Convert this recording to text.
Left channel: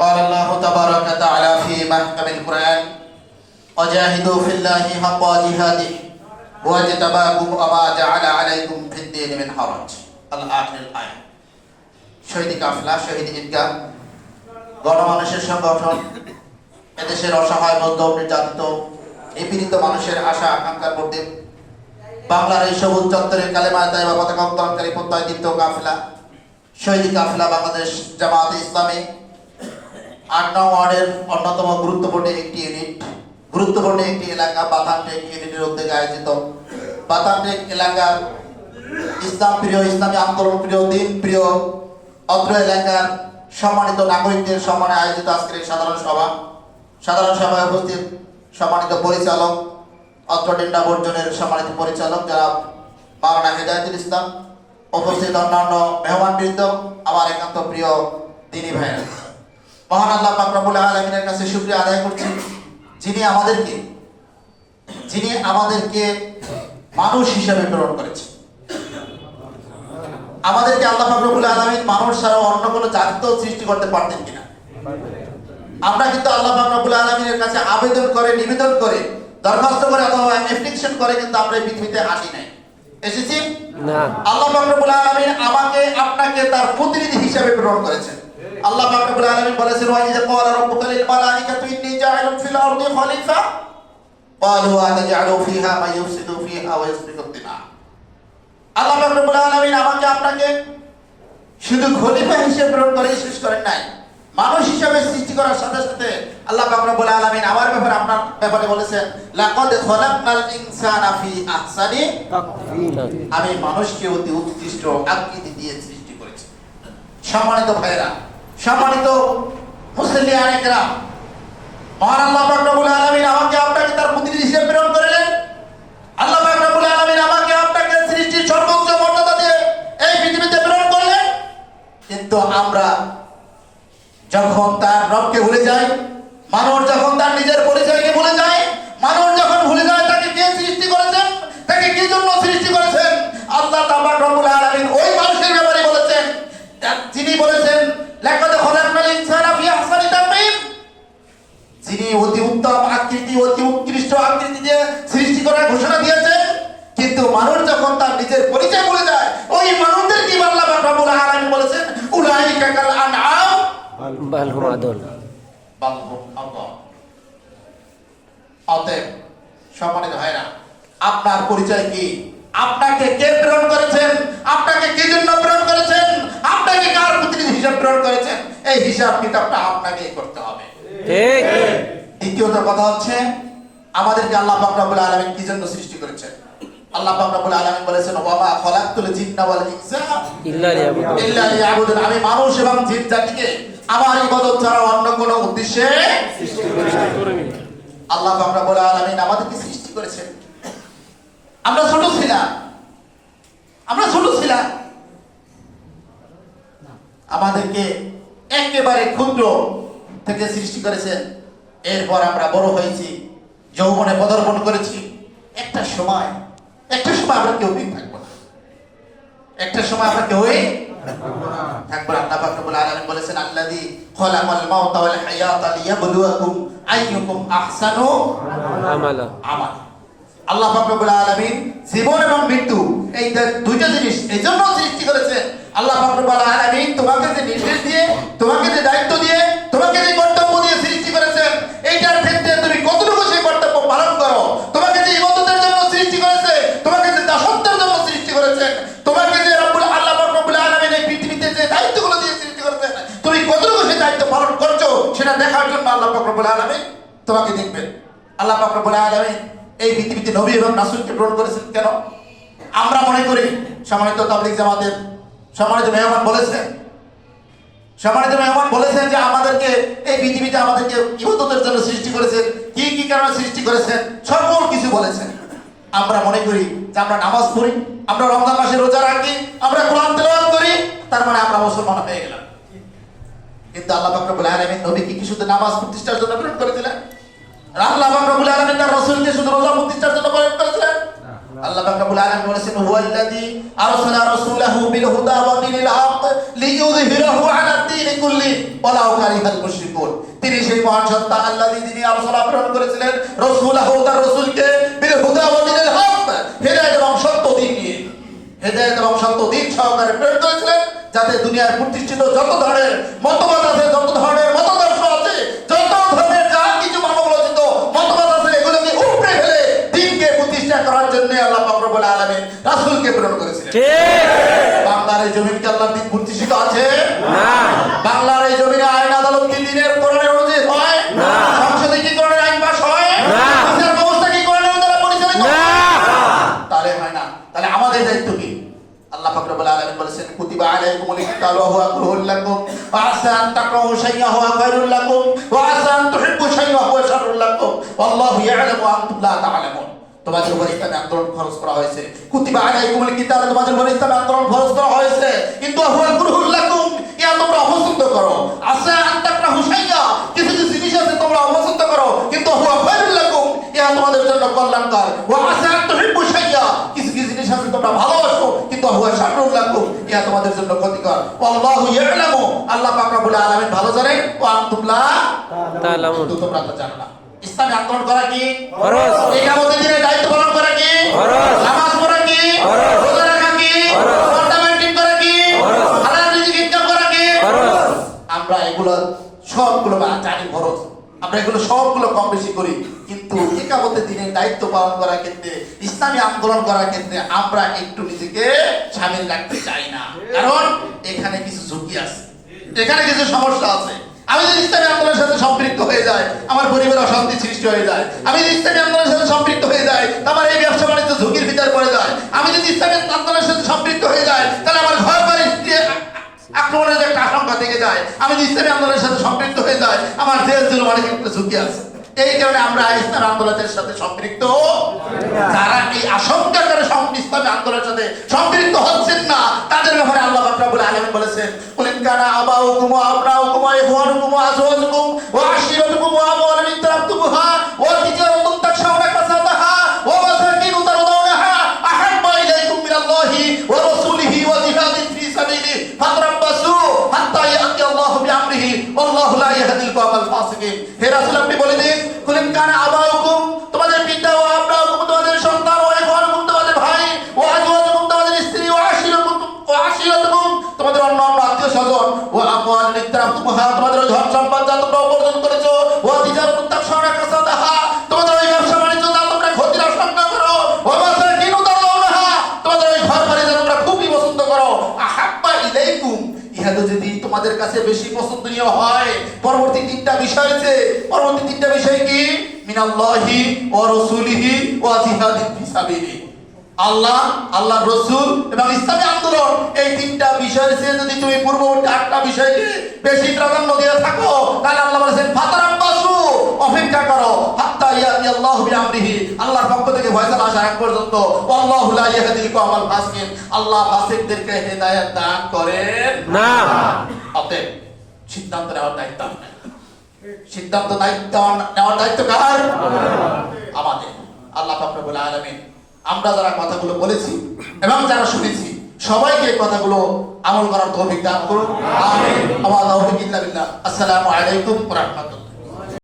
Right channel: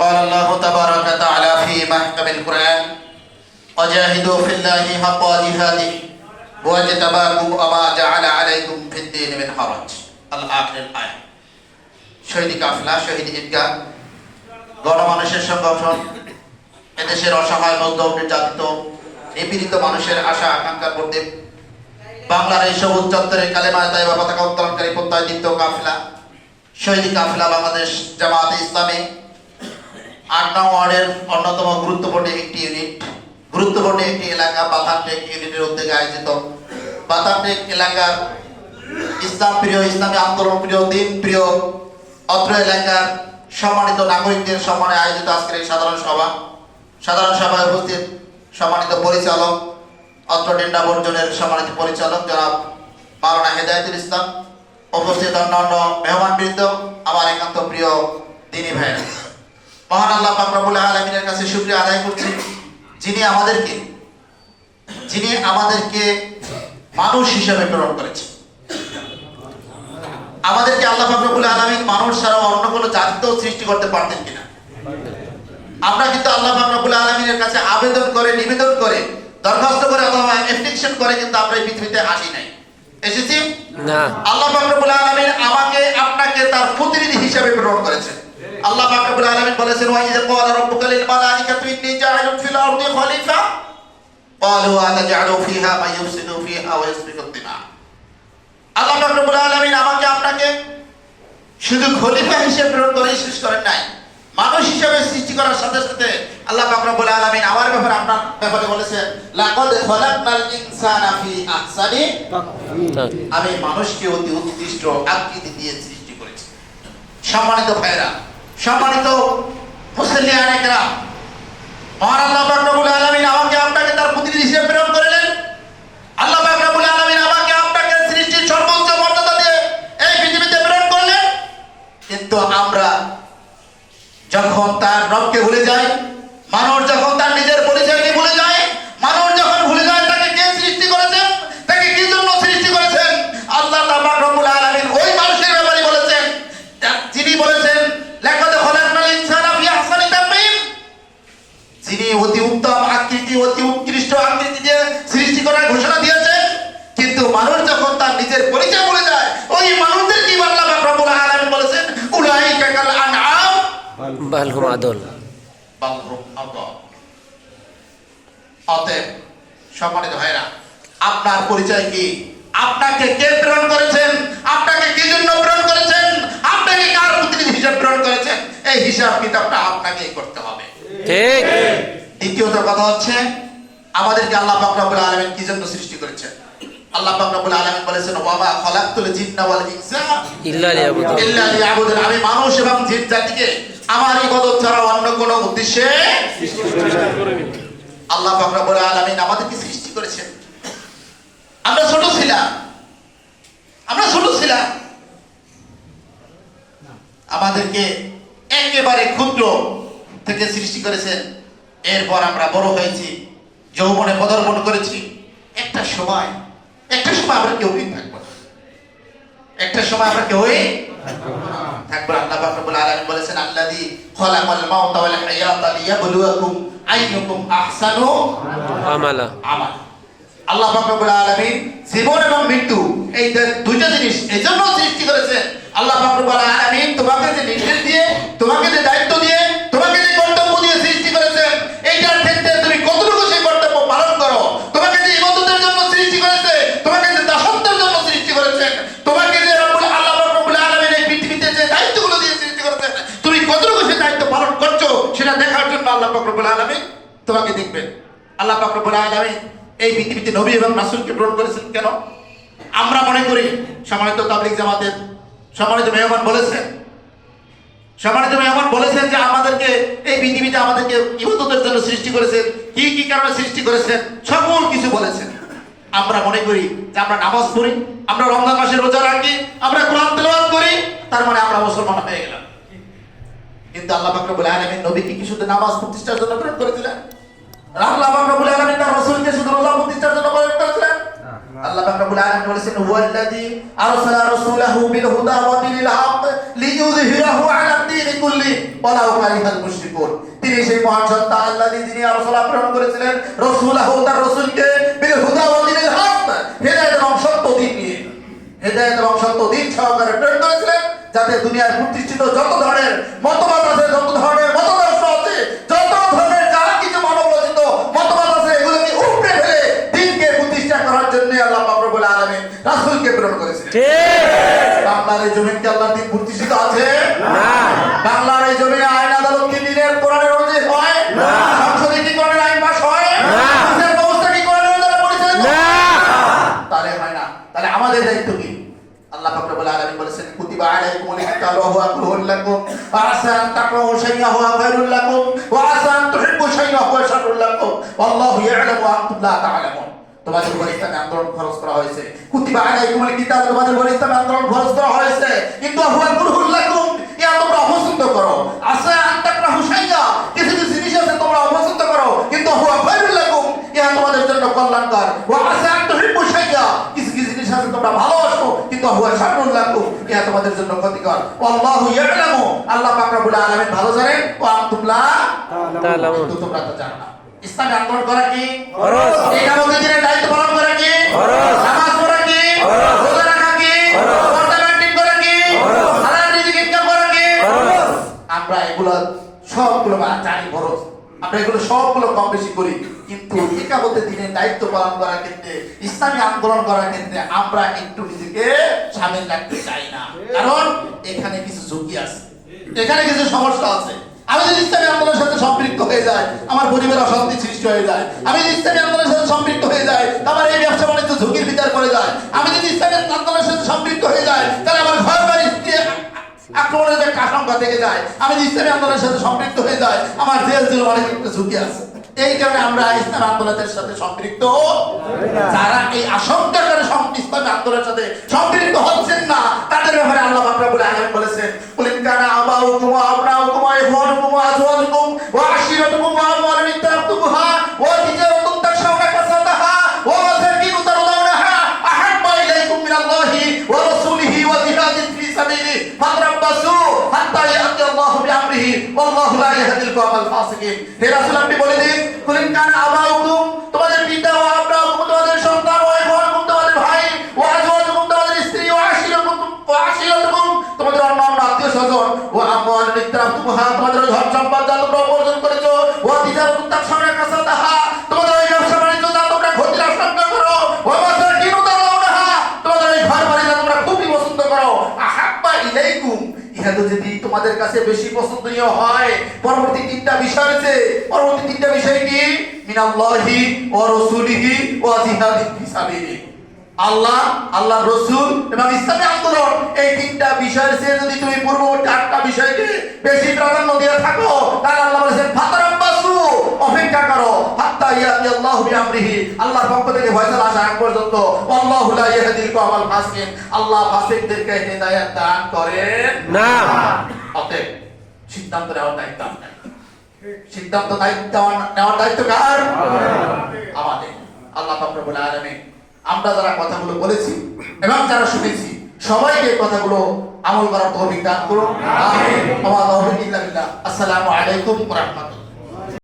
قال الله تبارك وتعالى في محكم القرآن وجاهدوا في الله حق جهاده واجتباكم وما جعل عليكم في الدين من حرج الآخر الآية শহীদ কাফেলা শহীদ ঈদগাহ গণমানুষের সংগঠন এদেশের অসহায় মধ্যম নির্যাতিত নিপীড়িত মানুষের আশা আকাঙ্ক্ষার প্রতি বাংলার এই সবুজ চত্বরে কালেমা তাইবা পতাকা উত্তোলনকারী প্রত্যয়দীপ্ত কাফেলা শহীদ কাফেলা বাংলাদেশ জামায়াতে ইসলামী ৮ নং ওয়ার্ডের অন্যতম গুরুত্বপূর্ণ একটি এলাকা বাতানটেক ইউনিটের উদ্যোগে আয়োজিত বাতানটেক এলাকার ইসলাম প্রিয় ইসলামী আন্দোলন প্রিয় দিন প্রিয় অত্র এলাকার সম্মানিত নাগরিকদের সম্মানে আয়োজিত আজকের এই সাধারণ সভায় উপস্থিত সম্মানিত পরিচালক অত্র ডেন্ডা বর্জনের সম্মানিত পরিচালক জনাব মাওলানা হেদায়েতুল ইসলাম, উপস্থিত অন্যান্য মেহমানবৃন্দ, আমার একান্ত প্রিয় দিনী ভাইয়েরা, মহান আল্লাহ পাক রব্বুল আলামিনের কাছে শুকরিয়া আদায় করছি যিনি আমাদেরকে মানুষ হিসেবে প্রেরণ করেছে। আমাদেরকে আল্লাহ পাক রব্বুল আলামিন মানুষ ছাড়া অন্য কোনো জাতিও সৃষ্টি করতে পারতেন কিনা? আমরা কিন্তু আল্লাহ পাক রব্বুল আলামিনের কাছে আবেদন করে, নিবেদন করে, দরখাস্ত করে অথবা অ্যাপ্লিকেশন করে কিন্তু আমরা এই পৃথিবীতে আসি নাই, এসেছি না। আল্লাহ পাক রব্বুল আলামিন আমাকে আপনাকে তার প্রতিনিধি হিসেবে প্রেরণ করেছেন। আল্লাহ পাক রব্বুল আলামিন বলেছেন ওয়া ইযা ক্বালা রাব্বুকা লিল মালাইকাতি ইন্নী জাইলুন ফিল আরদি খলিফা ক্বালু আতাজআলু ফিহা মান ইফসিদু ফিহা ওয়া ইসফিকু দিমা। আল্লাহ পাক রব্বুল আলামিন আমাকে আপনাকে শুধু খলিফা হিসেবে প্রেরণ করে শেষ করেন নাই, মানুষ হিসেবে সৃষ্টি করার সাথে সাথে আল্লাহ পাক রব্বুল আলামিন আমার ব্যাপারে আপনার ব্যাপারে বলেছেন লাকাদ খলাকনাল ইনসানা ফি আহসানি তাকওয়িম, আমি মানুষকে অতি উৎকৃষ্ট আকৃতি দিয়ে সৃষ্টি করেছি। সম্মানিত ভাইরা, সম্মানিত মুসলিয়ানে কেরাম, মহান আল্লাহ পাক রব্বুল আলামিন আমাকে আপনাকে তার প্রতিনিধি হিসেবে প্রেরণ করলেন। আল্লাহ পাক রব্বুল আলামিন আমাকে আপনাকে সৃষ্টির সর্বোচ্চ মর্যাদা দিয়ে এই পৃথিবীতে প্রেরণ করলেন। কিন্তু আমরা যখন তার রবকে ভুলে যাই, মানুষ যখন তার নিজের পরিচয়কে ভুলে যায়, মানুষ যখন ভুলে যায় তাকে কে সৃষ্টি করেছেন, তাকে কি জন্য সৃষ্টি করেছেন, আল্লাহ পাক রব্বুল আলামিন ওই মানুষের ব্যাপারে বলেছেন, যিনি বলেছেন লাকাদ খলাকনাল ইনসানা ফি আহসানি তাকওয়িম, যিনি অতি উত্তম আকৃতি, অতি উৎকৃষ্ট আকৃতি দিয়ে সৃষ্টি করার ঘোষণা দিয়েছেন। কিন্তু মানুষ যখন তার নিজের পরিচয় ভুলে যায়, ওই মানুষদের কি আল্লাহ পাক রব্বুল আলামিন বলেছেন উলাইকা কাল আনআম বাল হুম আদল। অতএব সম্মানিত ভাইরা, আপনার পরিচয় কি? আপনাকে কে প্রেরণ করেছেন? আপনাকে কি জন্য প্রেরণ করেছেন? আপনাকে কার প্রতিনিধি হিসেবে প্রেরণ করেছেন? এই হিসাব কিতাবটা আপনাকেই করতে হবে, ঠিক? দ্বিতীয়ত কথা হচ্ছে আমাদেরকে আল্লাহ পাক রব্বুল আলামিন কি জন্য সৃষ্টি করেছেন? আল্লাহ পাক রব্বুল আলামিন বলেছেন ওয়া মা খালাকতুল জিন্না ওয়াল ইনসা ইল্লা লিয়াবুদুন, আমি মানুষ এবং জিন জাতিকে আমার ইবাদত ছাড়া অন্য কোনো উদ্দেশ্যে আল্লাহ পাক রব্বুল আলামিন আমাদেরকে সৃষ্টি করেছেন। আমরা ছোট ছিলাম, আমাদেরকে একেবারে ক্ষুদ্র থেকে সৃষ্টি করেছেন। এরপর আমরা বড় হয়েছি, যৌবনে পদার্পণ করেছি। একটা সময় আমরা কেউই থাকবো না, একটা সময় আমরা কেউই থাকবো না। আল্লাহ পাক রব্বুল আলামিন বলেছেন আল্লাযী খালাকাল মাউতা ওয়াল হায়াতা লিয়াবলুয়াকুম আইয়ুকুম আহসানু আমালা। আল্লাহ পাক রব্বুল আলামিন জীবন এবং মৃত্যু এই দুইটা জিনিস এই জন্য সৃষ্টি করেছেন। আল্লাহ পাক রব্বুল আলামিন তোমাকে যে নির্দেশ দিয়ে, তোমাকে যে দায়িত্ব দিয়ে, তোমাকে যে কর্তব্য দিয়ে সৃষ্টি করেছেন, এইটার ক্ষেত্রে তুমি কতটুকু সেই কর্তব্য পালন করো। তোমাকে যে ইবাদতের জন্য সৃষ্টি করেছে, তোমাকে যে দাসত্বের জন্য সৃষ্টি করেছেন, তোমাকে যে আল্লাহ পাক রব্বুল আলামিন এই পৃথিবীতে যে দায়িত্বগুলো দিয়ে সৃষ্টি করেছেন, তুমি কতটুকু সেই দায়িত্ব পালন করছো সেটা দেখার জন্য আল্লাহ পাক রব্বুল আলামিন তোমাকে দেখবেন। আল্লাহ পাক রব্বুল আলামিন এই পৃথিবীতে নবী এবং রাসূলকে প্রেরণ করেছেন কেন? আমরা মনে করি সম্মানিত তাবলীগ জামাতের সম্মানিত মেহমান বলেছেন যে আমাদেরকে এই পৃথিবীতে আমাদেরকে ইবাদতের জন্য সৃষ্টি করেছেন। কি কি কারণে সৃষ্টি করেছেন সকল কিছু বলেছেন। আমরা মনে করি যে আমরা নামাজ পড়ি, আমরা রমজান মাসে রোজা রাখি, আমরা কোরআন তেলাওয়াত করি, তার মানে আমরা মুসলমান হয়ে গেলাম। কিন্তু আল্লাহ পাক রব্বুল আলামিন নবীকে কি শুধু নামাজ প্রতিষ্ঠার জন্য প্রেরণ করেছিলেন? আল্লাহ পাক রব্বুল আলামিন তার রাসূলকে শুধু রোজা প্রতিষ্ঠার জন্য প্রেরণ করেছিলেন? আল্লাহ পাক রব্বুল আলামিন বলেছেন হুয়াল্লাযী আরসালা রাসূলাহু বিল হুদা ওয়া দীনিল হক লিইয়ুযহিরাহু আলা দ্বীনি ওয়ালাউ কারিহাল মুশরিকুন। তিনি সেই মহান সত্তা আল্লাযী যিনি রাসূল প্রেরণ করেছিলেন রাসূলহু তার রাসূলকে বিল হুদা ওয়া দিনিল হক, হেদায়েত এবং সত্য দিন নিয়ে, হেদায়েত এবং সত্য দিন সহকারে প্রেরণ করেছিলেন, যাতে দুনিয়ায় প্রতিষ্ঠিত যত ধরনের মতবাদ আছে, যত ধরনের মতদর্শ আছে, যত ধরনের যা কিছু মানবরচিত মতবাদ আছে, এগুলোকে উপড়ে ফেলে দ্বীনকে প্রতিষ্ঠা করার জন্য আল্লাহ পাক রব্বুল আলামিন রাসূলকে প্রেরণ করেছিলেন। ঠিক। বাংলার এই জমিন কি আল্লাহর দ্বীন প্রতিষ্ঠিত আছে? না। বাংলার এই জমিনে আইন আদালত কি দ্বীনের কোরআনের অনুযায়ী হয়? না। সংসদে কি কোরআনের আইন পাস হয়? না। বিচার ব্যবস্থা কি কোরআনের দ্বারা পরিচালিত? না। তাহলে হয় না। তাহলে আমাদের দায়িত্ব কি? আল্লাহ পাক রব্বুল আলামিন বলেছেন কুতিবা আলাইকুমুল কিতাবু ওয়া হুয়া কুরহুল লাকুম ওয়া আসা আন তাকরাহু শাইআন ওয়া খায়রুল লাকুম ওয়া আসা আন তুহিব্বু শাইআন ওয়া হুয়া শাররুল লাকুম ওয়াল্লাহু ইয়া'লামু ওয়া আনতুম লা তা'লামুন। তোমাদের উপর ইসলামী আন্দোলন খরচ করা হয়েছে। কুতিবা আলাইকুমুল কিতাব, তোমাদের উপর ইসলামী আন্দোলন খরচ করা হয়েছে, কিন্তু হুয়া কুরহুল লাকুম, ইয়া তোমরা অপছন্দ করো। আসা আন তাকরাহু শাইআ, কিছু কিছু জিনিস আছে তোমরা অপছন্দ করো, কিন্তু হুয়া খায়রুল লাকুম, ইয়া তোমাদের জন্য কল্যাণকর। ওয়া আসা আন তুহিব্বু শাইআ, কিছু কিছু জিনিস আছে তোমরা ভালোবাসো, কিন্তু হুয়া শাররুল লাকুম, ইয়া তোমাদের জন্য ক্ষতিকর। আল্লাহু ইয়া'লামু, আল্লাহ পাক রব্বুল আলামিন ভালো জানেন, ওয়া আনতুম লা তা'লামুন, তোমরা তো জানো না। ইসলামী আন্দোলন করা কি ফরজ, ইকামতের দিনের দায়িত্ব পালন করা কি ফরজ, নামাজ পড়া কি ফরজ, রোজা রাখা কি ফরজ, পর্দা মেইনটেইন করা কি ফরজ, হালাল রিজিক ইনকাম করা কি ফরজ। আমরা এগুলো সবগুলো জানি ফরজ, আমরা এগুলো সবগুলো কম বেশি করি, কিন্তু ইকামতের দিনের দায়িত্ব পালন করার ক্ষেত্রে, ইসলামী আন্দোলন করার ক্ষেত্রে আমরা একটু নিজেকে শামিল রাখতে চাই না, কারণ এখানে কিছু ঝুঁকি আছে, এখানে কিছু সমস্যা আছে। আমি যদি ইসলামী আন্দোলনের সাথে সম্পৃক্ত হয়ে যাই, আমার পরিবারে অশান্তি সৃষ্টি হয়ে যায়। আমি যদি ইসলামী আন্দোলনের সাথে সম্পৃক্ত হয়ে যাই, আমার এই ব্যবসা বাণিজ্য ঝুঁকির ভিতরে পড়ে যায়। আমি যদি ইসলামী আন্দোলনের সাথে সম্পৃক্ত হয়ে যাই, তাহলে আমার ঘর বাড়ি আক্রমণের একটা আশঙ্কা থেকে যায়। আমি যদি ইসলামী আন্দোলনের সাথে সম্পৃক্ত হয়ে যাই, আমার জেল জুলুম অনেক একটা ঝুঁকি আছে। এই কারণে আমরা ইসলামী আন্দোলনের সাথে সম্পৃক্ত, তারা এই আশঙ্কা করে ইসলামী আন্দোলনের সাথে সম্পৃক্ত হচ্ছেন না, তাদের ব্যাপারে আল্লাহ পাক রব্বুল আলামিন বলেছেন কুল ইন কানা আবাউকুম ওয়া আবনাউকুম ওয়া ইখওয়ানুকুম ওয়া আজওয়াজুকুম ওয়া আশিরাতুকুম ওয়া আমওয়ালুন ইকতারাফতুমুহা ওয়া তিজারাতুন তাখশাউনা কাসাদাহা ওয়া মাসাকিন তারদাউনাহা আহাব্বা ইলাইকুম মিনাল্লাহি ওয়া রাসূলিহি ওয়া জিহাদিন ফি সাবিলিহি ফাতরাব্বাসু হাত্তা ইয়াতি আল্লাহু বিআমরিহি ওয়াল্লাহু লা ইয়াহদিল কওমাল ফাসিকিন। হে রাসূল, আপনি বলে দিন কুল ইন কানা আবাউকুম, তোমাদের পিতা, ওয়া আবনাউকুম, তোমাদের সন্তান, ওয়া ইখওয়ানুকুম, তোমাদের ভাই, ওয়া আজওয়াজুকুম, তোমাদের স্ত্রী, ওয়া আশিরাতুকুম, তোমাদের অন্যান্য আত্মীয়স্বজন, ওয়া আমওয়ালুন ইকতারাফতুমুহা, তোমাদের ধন সম্পদ যা তোমরা উপার্জন করেছো, ওয়া তিজারাতুন তাখশাউনা কাসাদাহা, তোমাদের ওই ব্যবসা বাণিজ্য যা তোমরা ক্ষতির আশঙ্কা করো, ওয়া মাসাকিন তারদাউনাহা, তোমাদের ওই ঘর বাড়ি যা তোমরা খুবই পছন্দ করো, আহাব্বা ইলাইকুম, ইহাতে যদি তোমাদের কাছে বেশি পছন্দনীয় হয়, পরবর্তী তিনটা বিষয় আছে। পরবর্তী তিনটা বিষয় কি? মিনাল্লাহি ওয়া রাসূলিহি ওয়া জিহাদিন ফি সাবিলিহি। আল্লাহ, আল্লাহর রাসূল এবং ইসলামী আন্দোলন, এই তিনটা বিষয়ের চেয়ে যদি তুমি পূর্ববর্তী আটটা বিষয়কে বেশি প্রাধান্য দিয়ে থাকো, তাহলে আল্লাহ বলেছেন ফাতারাব্বাসু, অপেক্ষা করো, হাত্তা ইয়াতি আল্লাহু বিআমরিহি, আল্লাহর পক্ষ থেকে ফয়সালা আসা আগ পর্যন্ত। আল্লাহু লা ইয়াহদিল কওমাল ফাসিকিন, আল্লাহ ফাসিকদেরকে হেদায়েত দান করেন না। অতএব সিদ্ধান্ত নেওয়ার দায়িত্ব আপনার, সিদ্ধান্ত নেওয়ার দায়িত্ব কার? আমাদের। আল্লাহ পাক রব্বুল আলামিন আমরা যারা কথাগুলো বলেছি এবং যারা শুনেছি, সবাইকে কথাগুলো আমল করার তৌফিক দান করুন। আমিন। ওয়া তাওফিক ইল্লা বিল্লাহ। আসসালামু আলাইকুম ওয়া রাহমাতুল্লাহ।